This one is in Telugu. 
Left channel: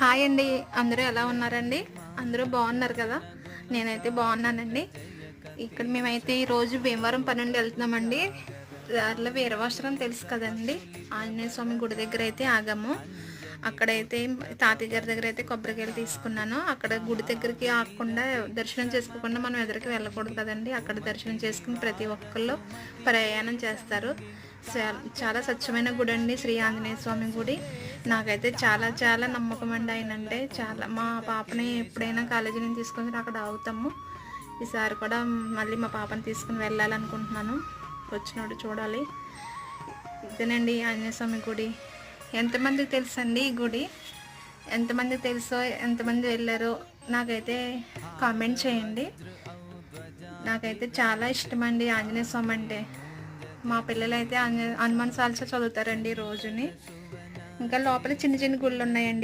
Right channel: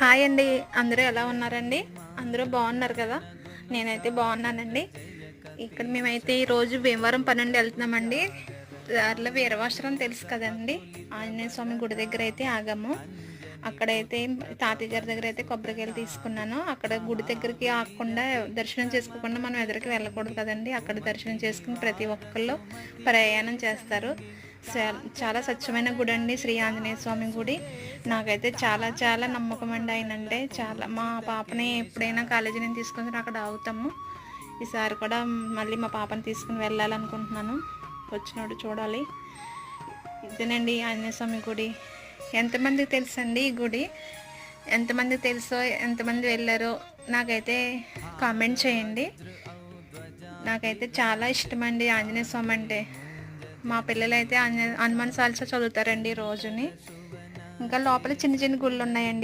హాయ్ అండి. అందరూ ఎలా ఉన్నారండి? అందరూ బాగున్నారు కదా? నేనైతే బాగున్నానండి. ఇక్కడ మేమైతే ఈరోజు భీమవరం పని నుండి వెళ్తున్నామండి. దారిలో వీరవాసరం తెలుసు కదండి, ఆంజనేయ స్వామి గుడి దగ్గర అయితే ఆగాము. అక్కడైతే తాతయ్య గారి దగ్గర అయితే కొబ్బరికాయలు తీసుకున్నాను. అక్కడ గుడి దగ్గరికి ఆగకుండా దర్శనం చేసుకోకుండా మనం ఎదురుకి వెళ్ళకూడదు కదండి. అక్కడ దర్శనం చేసుకుని ప్రతి ఒక్కళ్ళు ప్రయాణం చేస్తారు. చాలా స్వచ్ఛమైన గుడి అండి శ్రీ ఆంజనేయ స్వామి గుడి. నాకైతే చాలా చాలా నమ్మకం అండి ఆయన అంటే. చాలా మా పాపని ఎప్పుడైనా కాలేజీ నుంచి తీసుకుని అక్కడ ఆగుతాము. ఈసారి కూడా మళ్ళీ మా పాపని తీసుకుని వెళ్ళాలనుకుంటున్నాను. వచ్చినోడు చూడాలి. ఇదేనండి ఆంజనేయ స్వామి గుడి. ఎంతమందికి తెలుసండి ఈ గుడి? ఎంతమంది తెలుసో, ఎంతమంది వెళ్ళారో నాకైతే కామెంట్ చేయండి. నాకైతే చాలా ఇష్టమండి ఆంజనేయ స్వామి అంటే. మా పిల్లలు అయితే హనుమాన్ చాలీసా చదువుతారండి రోజుని. ఇంకా లోపల చిన్న చిన్న గుళ్ళు ఉన్నాయండి.